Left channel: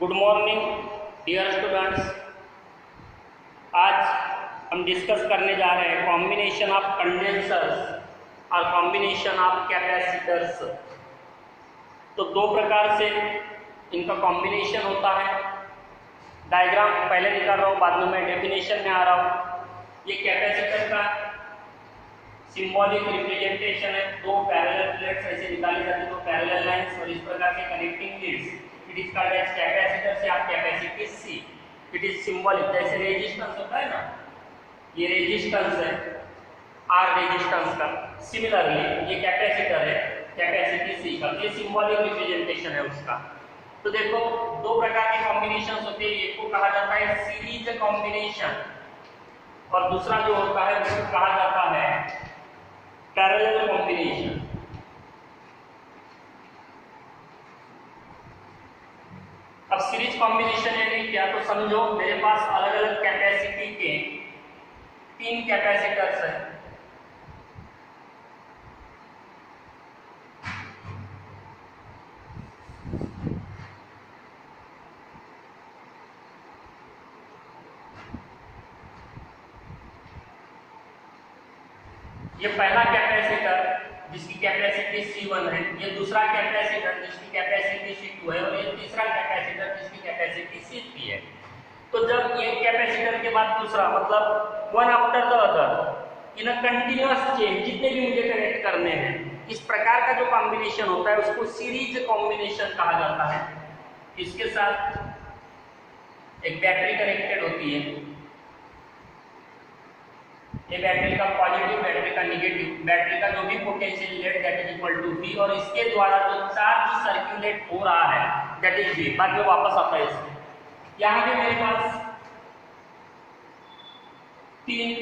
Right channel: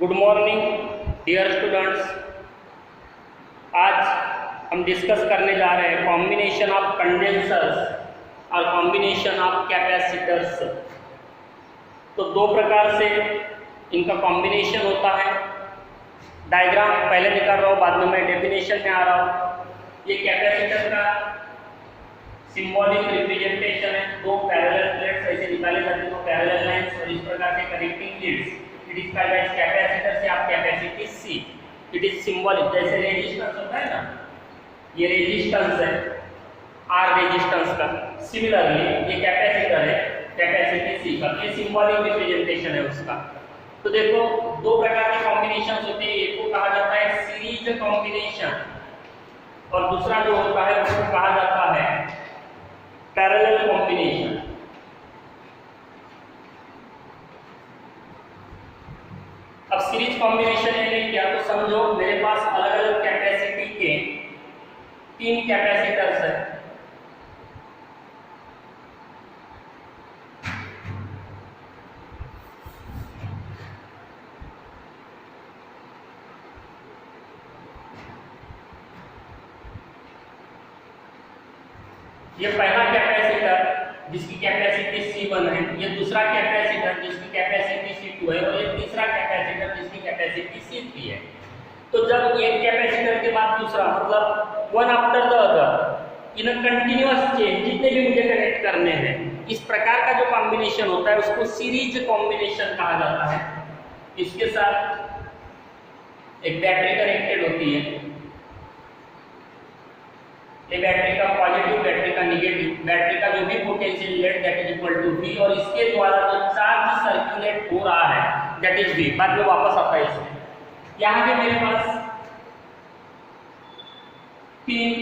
Good morning dear students. आज हम discuss करने जा रहे हैं कॉम्बिनेशन ऑफ कंडेंसर्स और कॉम्बिनेशन ऑफ कैपेसिटर्स। तो दो प्रकार से इनका कॉम्बिनेशन होता है। डायग्राम पहले निकाल रहा हूँ, बाद में मैं डेफिनेशन में आ रहा हूँ। ये कैपेसिटर का सिंबॉलिक रिप्रेजेंटेशन है। दो पैरेलल प्लेट्स ऐसे निकाले जाते हैं, दो पैरेलल लाइंस, और इस प्रकार से connecting leads. It is called as capacitor से आप capacity C. It is symbolic, जैसे रेजिस्टेंस होता है ना, ये रेजिस्टेंस है आर रेजिस्टेंस का। सिमिलरली ये कैपेसिटर है कैपेसिटी सी का। ये सिंबॉलिक रिप्रेजेंटेशन है उसका। तो देखो दो प्रकार के कॉम्बिनेशन होते हैं। एक को कहा जाता है सीरीज कॉम्बिनेशन और दूसरा जो होता है उसको कहा जाता है पैरेलल कॉम्बिनेशन। अब सीरीज कॉम्बिनेशन है क्या, तो समझो मेरे पास अलग अलग कैपेसिटी के 3 कैपेसिटर्स हैं। ये पहला कैपेसिटर जिसकी कैपेसिटी C1 है, ये दूसरा कैपेसिटर जिसकी कैपेसिटी C2 है, और ये तीसरा कैपेसिटर जिसकी कैपेसिटी C3 है। तो जब एक कैपेसिटर के बाद दूसरा, मतलब one after the other in a continuous chain, जितने भी मुझे कनेक्ट करने हैं, इस प्रकार का जो कॉम्बिनेशन होता है उसको सीरीज कॉम्बिनेशन कहा जाता है। इसके साथ एक बैटरी कनेक्टेड होती है। ये बैटरी का पॉजिटिव, बैटरी का निगेटिव, बैटरी का जो भी potential let that is equal to V, और इसके द्वारा जो चार्ज सर्कुलेट हो रहा है दैट इज V। बाद में वापस आता है इसमें। यहाँ पे मेरे पास 3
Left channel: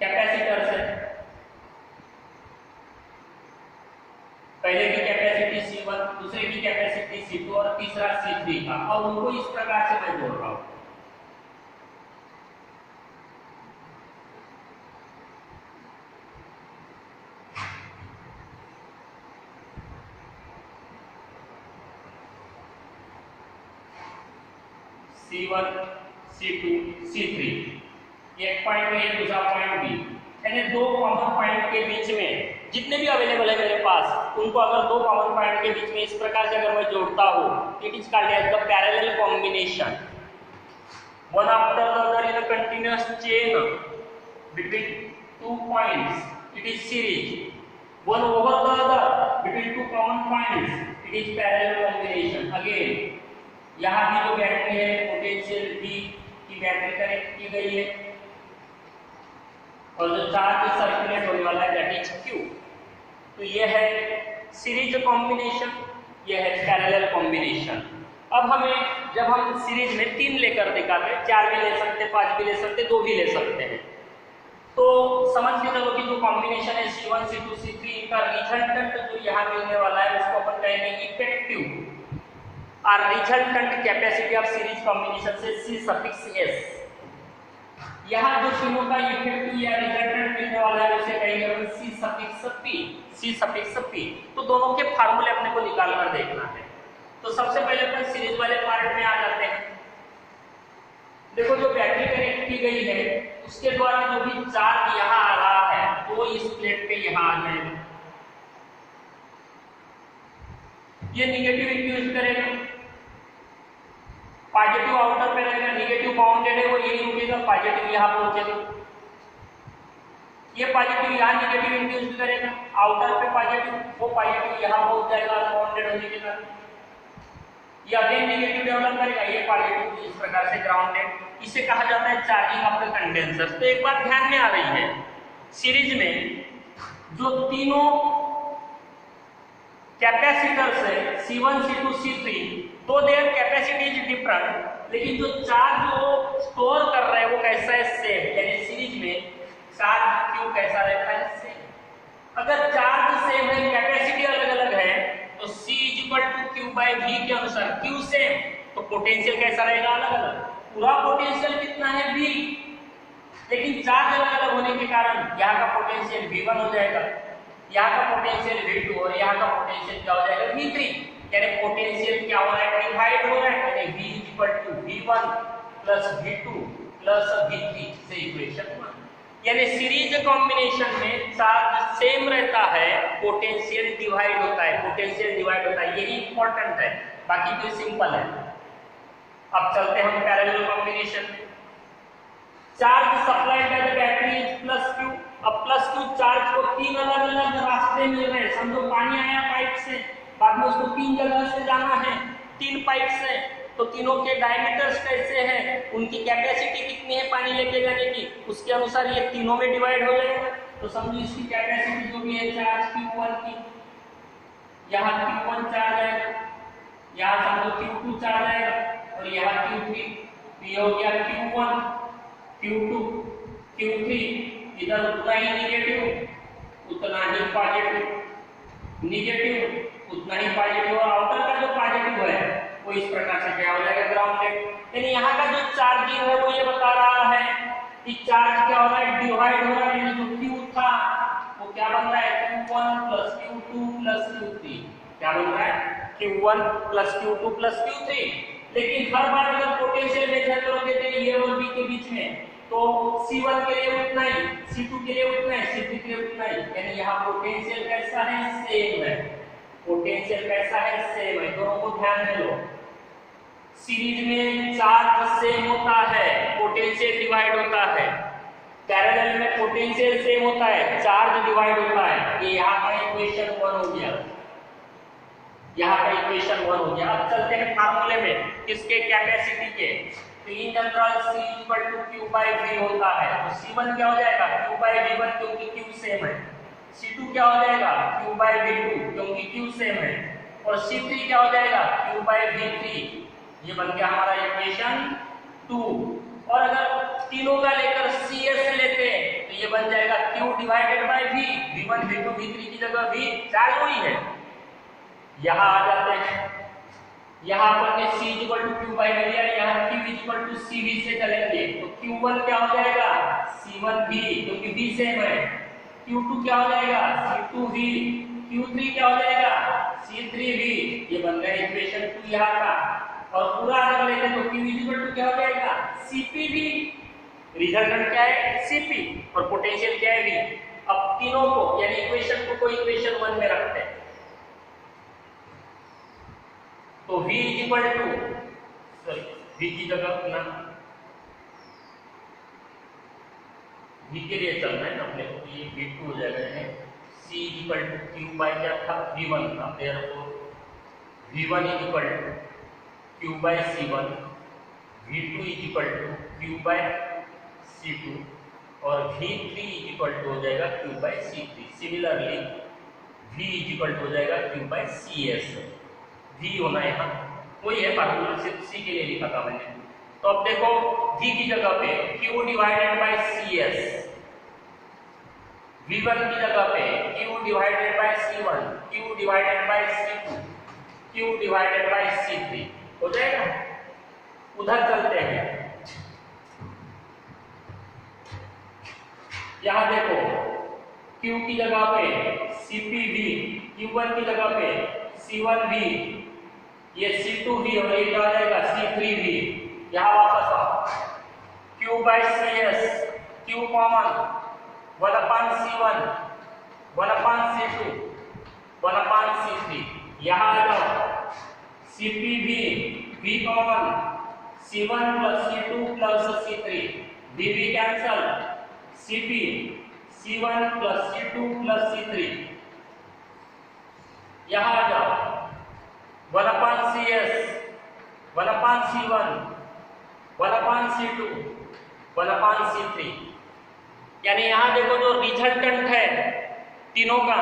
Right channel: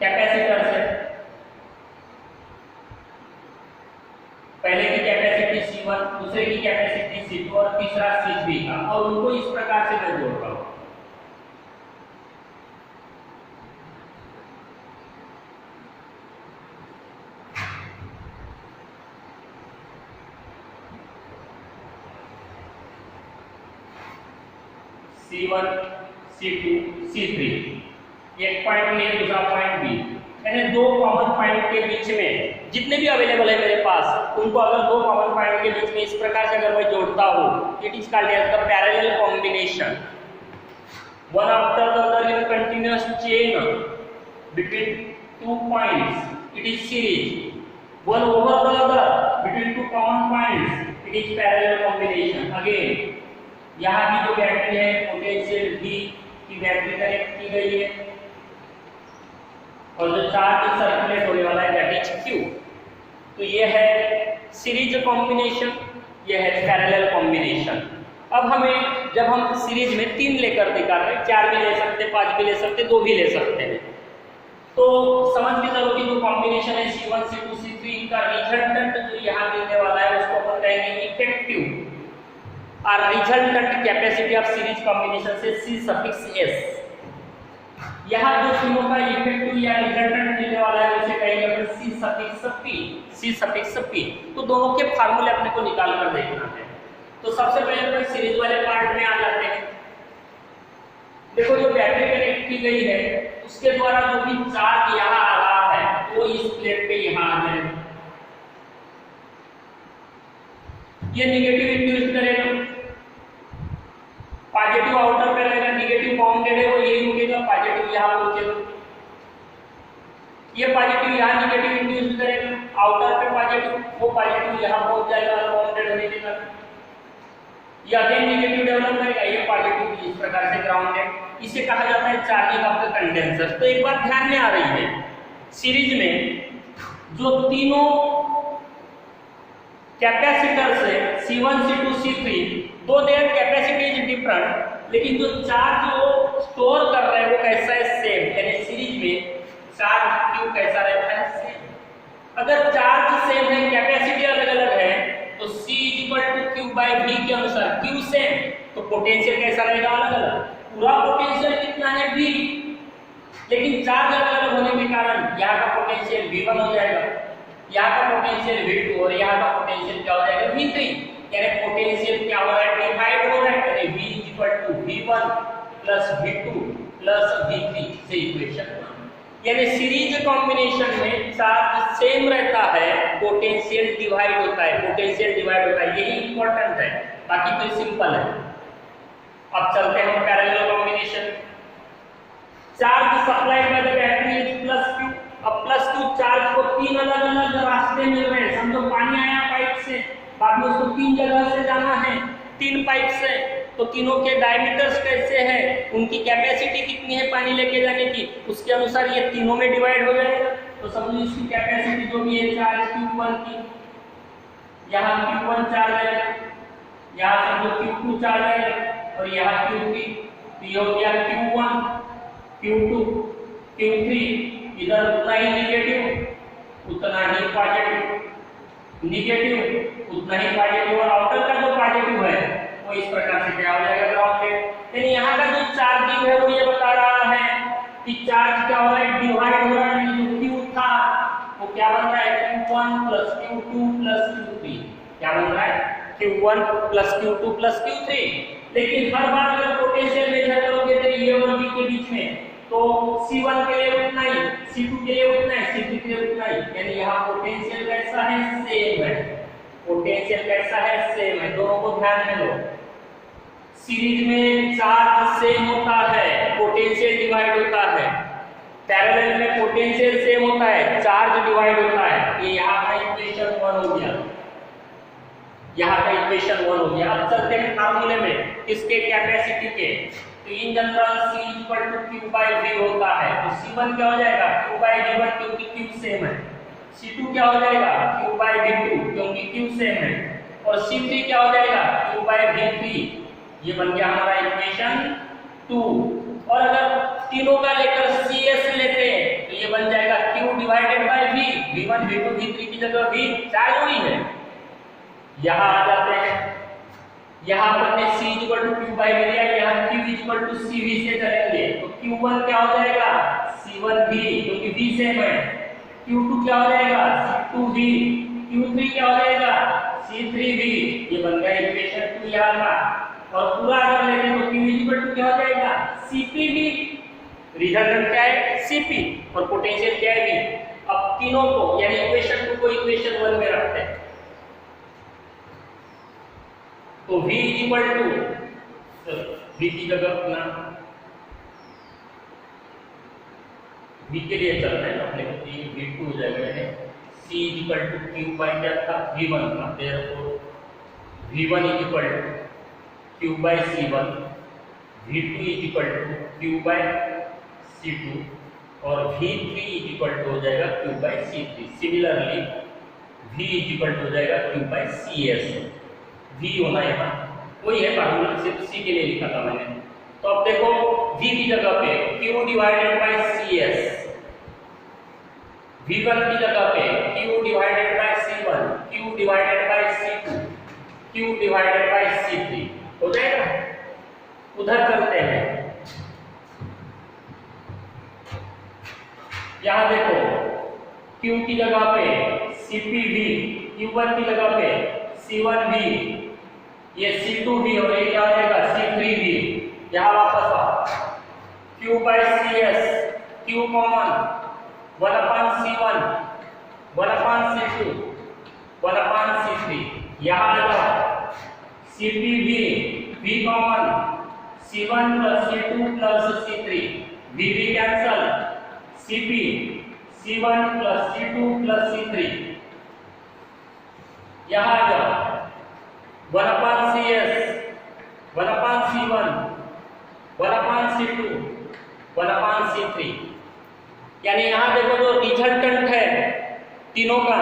कैपेसिटर्स है। पहले की कैपेसिटी C1, दूसरे की कैपेसिटी C2 और तीसरा C3 का, और उनको इस प्रकार से मैं जोड़ रहा हूँ। C1, C2, C3, एक पॉइंट ए दूसरा पॉइंट बी, यानी दो कॉमन पॉइंट के बीच में जितने भी अवेलेबल है मेरे पास, उनको अगर दो कॉमन पॉइंट के बीच में इस प्रकार से अगर मैं जोड़ता हूँ, it is called as the parallel combination. One after the other in a continuous chain between 2 points, it is series. One over the other between 2 common points, it is parallel combination. Again यहाँ भी जो battery है potential V की battery connect की गई है, और जो चार्ज सर्कुलेट होने वाला है दैट इज Q। तो ये है सीरीज कॉम्बिनेशन, ये है पैरेलल कॉम्बिनेशन। अब हमें जब हम सीरीज में 3 लेकर दिखाते हैं, 4 भी ले सकते हैं, 5 भी ले सकते हैं, 2 भी ले सकते हैं, तो समझ के चलो कि जो कॉम्बिनेशन है C1, C2, C3, इनका रिजल्टेंट जो यहाँ मिलने वाला है उसको अपन कहेंगे इफेक्टिव और resultant capacity of series combination से C(S). यहाँ जो तीनों का इफेक्टिव या रिजल्टेंट मिलने वाला है उसे कहेंगे अपन C(P). तो दोनों के फार्मूले अपने को निकाल कर देखना है। तो सबसे पहले अपन सीरीज वाले पार्ट में आ जाते हैं। देखो जो बैटरी कनेक्ट की गई है उसके द्वारा जो भी चार्ज यहाँ आ रहा है वो इस प्लेट पे यहाँ आ जाएगा। ये निगेटिव इंड्यूस करेगा, पॉजिटिव आउटर पे रहेगा, निगेटिव बाउंडेड है वो यही रुकेगा, पॉजिटिव यहाँ पहुंचेगा। ये पॉजिटिव यहाँ निगेटिव इंड्यूस करेगा, आउटर पे पॉजिटिव, वो पॉजिटिव यहाँ पहुंच जाएगा अनबाउंडेड होने के कारण। ये अगेन निगेटिव डेवलप करेगा, ये पॉजिटिव इस प्रकार से ग्राउंडेड। इसे कहा जाता है चार्जिंग ऑफ द कंडेंसर। तो एक बात ध्यान में आ रही है, सीरीज में जो तीनों कैपेसिटर्स है C1, C2, C3, दो देयर कैपेसिटी इज डिफरेंट, लेकिन जो चार्ज वो स्टोर कर रहा है वो कैसा है, सेम। यानी सीरीज में चार्ज Q कैसा रहता है, सेम। अगर चार्ज सेम है, कैपेसिटी अलग अलग है, तो C=Q/V के अनुसार Q सेम, तो पोटेंशियल कैसा रहेगा, अलग अलग। पूरा पोटेंशियल कितना है V, लेकिन चार्ज अलग अलग होने के कारण यहाँ का पोटेंशियल V1 हो जाएगा, यहाँ का पोटेंशियल V2 और यहाँ का पोटेंशियल क्या हो जाएगा, V3। यानी पोटेंशियल क्या हो रहा है, डिवाइड हो रहा है, यानी V to V1 plus V2 plus V3 से इक्वेशन 1। यानी सीरीज कॉम्बिनेशन में चार्ज सेम रहता है, पोटेंशियल डिवाइड होता है, पोटेंशियल डिवाइड होता है, यही इंपॉर्टेंट है, बाकी तो सिंपल है। अब चलते हैं हम parallel combination. Charge supplied by the battery is plus Q। अब प्लस Q चार्ज को तीन अलग अलग रास्ते मिल रहे हैं। समझो पानी आया पाइप से, बाद में उसको तीन जगह से जाना है, तीन पाइप से, तो तीनों के डायमीटर्स कैसे हैं, उनकी कैपेसिटी कितनी है पानी लेके जाने की, उसके अनुसार ये तीनों में डिवाइड हो जाएगा। तो समझो इसकी कैपेसिटी जो भी है चार्ज Q1 की, यहाँ Q1 चार्ज आएगा, यहाँ समझो Q2 चार्ज आएगा और यहाँ Q3। तो ये हो गया Q1, Q2, Q3। इधर उतना ही निगेटिव उतना ही पॉजिटिव, निगेटिव उतना ही पॉजिटिव, और आउटर का जो पॉजिटिव है वो इस प्रकार से क्या हो जाएगा, ग्राउंडेड। यानी यहाँ का जो चार्जिंग है वो ये बता रहा है कि चार्ज क्या हो रहा है, डिवाइड हो रहा है। यानी जो Q था वो क्या बन रहा है, Q1 plus Q2 plus Q3। क्या बन रहा है, Q1 plus Q2 plus Q3। लेकिन हर बार अगर पोटेंशियल मेजर करोगे तो ये और बी के बीच में, तो C1 के लिए उतना ही, C2 के लिए उतना ही, C3 के लिए उतना ही। यानी यहाँ पोटेंशियल कैसा है, सेम है। पोटेंशियल कैसा है, सेम है। दोनों को ध्यान में लो। सीरीज में चार्ज सेम होता है, पोटेंशियल डिवाइड होता है। पैरेलल में पोटेंशियल सेम होता है, चार्ज डिवाइड होता है। ये यहाँ का इक्वेशन 1 हो गया, यहाँ का इक्वेशन 1 हो गया। अब चलते हैं फार्मूले में, किसके, कैपेसिटी के। तो in general C equal to Q by V होता है। तो C1 क्या हो जाएगा, Q बाय V1 क्योंकि Q सेम है। C2 क्या हो जाएगा, Q बाय V2 क्योंकि Q सेम है। और C3 क्या हो जाएगा, Q बाय V3। ये बन गया हमारा इक्वेशन 2। और अगर तीनों का लेकर CS लेते हैं तो ये बन जाएगा Q divided by V। V1 V2 V3 की जगह V चार्ज हुई है। यहाँ आ जाते हैं, यहाँ पर ने C equal to Q by V लिया, यहाँ Q इक्वल टू CV से चलेंगे। तो Q1 क्या हो जाएगा, C1V क्योंकि V सेम है। Q2 क्या हो जाएगा, C2V। Q3 क्या हो जाएगा, C3V। ये बन गया इक्वेशन 2 यहाँ का। और पूरा अगर लेते तो Q इक्वल टू क्या हो जाएगा, CPV। रिजल्टेंट क्या है, CP, और पोटेंशियल क्या है, V। अब तीनों को यानी इक्वेशन 2 को इक्वेशन 1 में रखते हैं। तो V इक्वल टू, V की जगह अपना V के लिए चलना है अपने को, ये V2 हो जाएगा। C equal to Q by क्या था, V1 था। therefore V1 equal to Q by C1, V2 equal to Q by C2 और V3 इक्वल टू हो जाएगा Q by C3। Similarly V equal to हो जाएगा Q बाय CS। V होना है, वही है फार्मूला, सिर्फ C के लिए लिखा था मैंने। तो अब देखो V की जगह पे Q divided by CS, V1 की जगह पे Q divided by C1, Q divided by C2, Q divided by C3 हो जाएगा। उधर चलते हैं, यहां देखो Q की जगह पे CPV, Q1 की जगह पे C1V, ये C2V और ये क्या रहेगा, C3V। यहाँ वापस आ, Q by CS, Q common, 1/C1, 1/C2, 1/C3। यहाँ आ जाओ, CPV, V common, C1 plus C2 plus C3, VV cancel, CP, C1 plus C2 plus C3। यहाँ आ जाओ, 1/CS, 1/C1, 1/C2, 1/C3। यानी यहाँ देखो जो रिजल्टेंट है तीनों का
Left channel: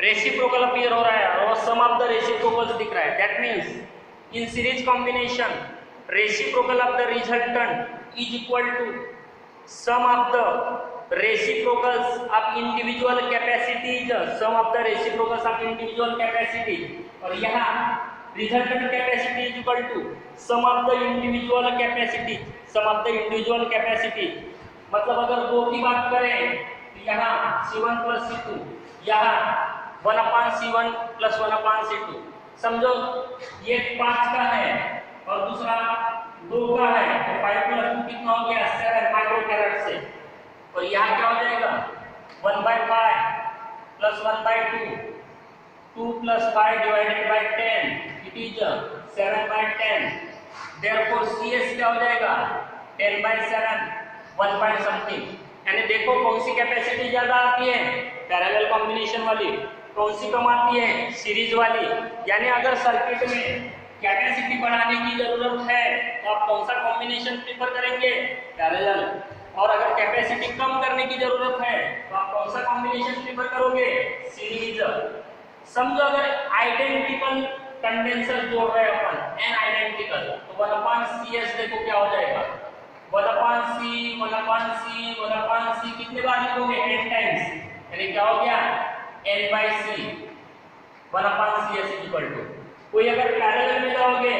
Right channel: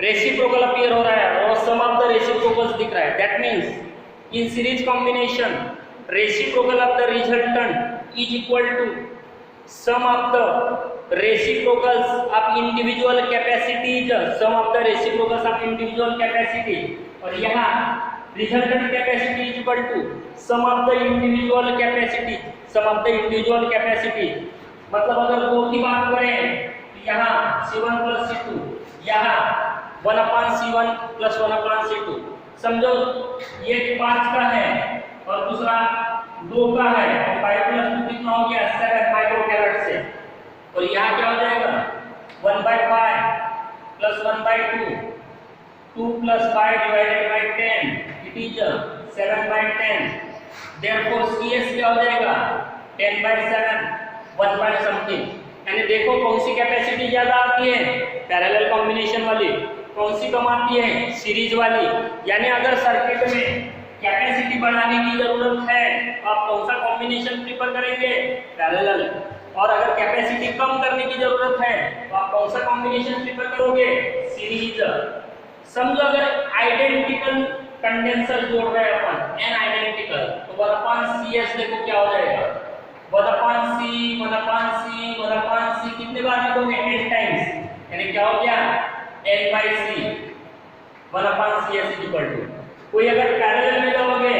रेसिप्रोकल अपीयर हो रहा है और सम ऑफ द रेसिप्रोकल्स दिख रहा है। That means in series combination reciprocal of the resultant is equal to sum of the reciprocals of individual capacities, sum of the reciprocals of individual capacities. और यहाँ resultant capacity is equal to sum of the individual capacity, sum of the individual capacity. मतलब अगर दो की बात करें तो यहाँ C1 प्लस C2, यहाँ 1/C1 प्लस 1/C2। समझो ये 5 का है और दूसरा 2 का है तो 5 + 2 कितना हो गया 7 माइक्रोफैराड से। और यहाँ क्या हो जाएगा 1/5 + 1/2 2 + 5 / 10 इट इज 7/10। देयरफॉर CS क्या हो जाएगा 10/7 1/something। यानी देखो कौन सी कैपेसिटी ज्यादा आती है पैरेलल कॉम्बिनेशन वाली, कौन सी कम आती है सीरीज वाली। यानी अगर सर्किट में कैपेसिटी बढ़ाने की जरूरत है तो आप कौन सा कॉम्बिनेशन प्रीफर करेंगे पैरेलल, और अगर कैपेसिटी कम करने की जरूरत है तो आप कौन सा कॉम्बिनेशन प्रीफर करोगे सीरीज। समझो अगर आइडेंटिकल कंडेंसर जोड़ रहे हैं अपन n आइडेंटिकल तो 1/CS देखो क्या हो जाएगा 1/C कितने बार लिखोगे 8 टाइम्स, यानी क्या हो गया n/C 1/CS = कोई अगर पैरेलल में जाओगे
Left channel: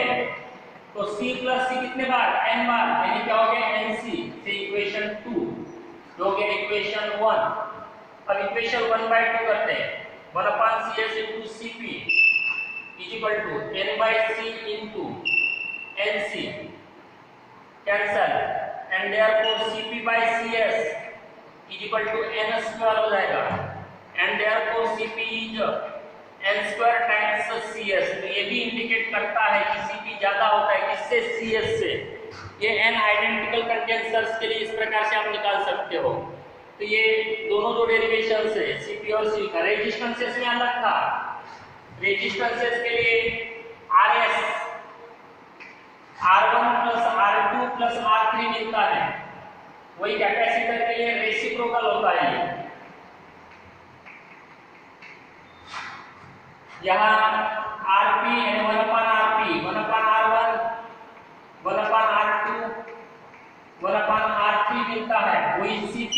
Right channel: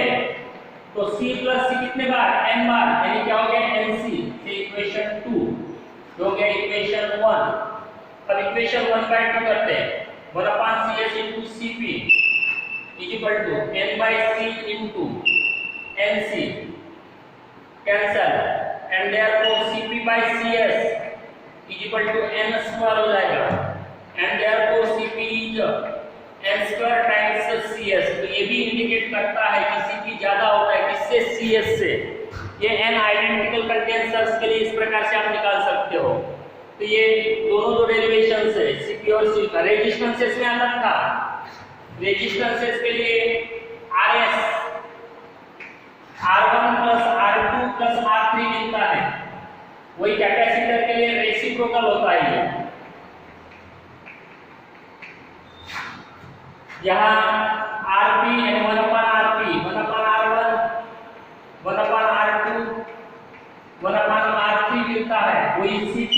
तो C + C कितने बार n बार, यानी क्या हो गया NC से इक्वेशन 2 जो हो गया इक्वेशन 1। अब इक्वेशन 1/2 करते हैं 1/CS × CP = n/C × NC cancel and therefore CP/CS = n² हो जाएगा and therefore CP is n² times CS। तो ये भी इंडिकेट करता है कि CP ज्यादा होता है किससे CS से। ये n आइडेंटिकल कंडेंसर्स के लिए इस प्रकार से आप निकाल सकते हो। तो ये दोनों जो डेरिवेशन है CP और C का रेजिस्टेंसेस में अलग था, रेजिस्टेंसेस के लिए RS R1 + R2 + R3 मिलता है, वही कैपेसिटर के लिए रेसिप्रोकल होता है। यहाँ Rp यानी 1/Rp 1/R1 1/R2 1/R3 मिलता है, वही CP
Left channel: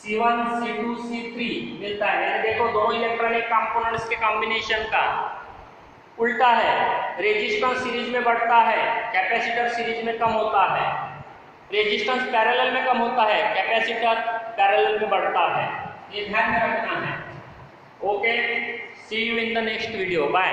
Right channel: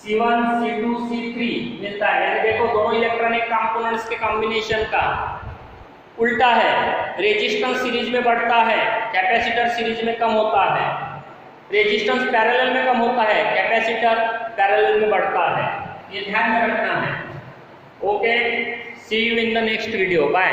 C1 C2 C3 मिलता है। यानी देखो दोनों इलेक्ट्रॉनिक कंपोनेंट्स के कॉम्बिनेशन का उल्टा है, रेजिस्टेंस सीरीज में बढ़ता है कैपेसिटर सीरीज में कम होता है, रेजिस्टेंस पैरेलल में कम होता है कैपेसिटर पैरेलल में बढ़ता है, ये ध्यान में रखना है। Okay, see you in the next video, bye.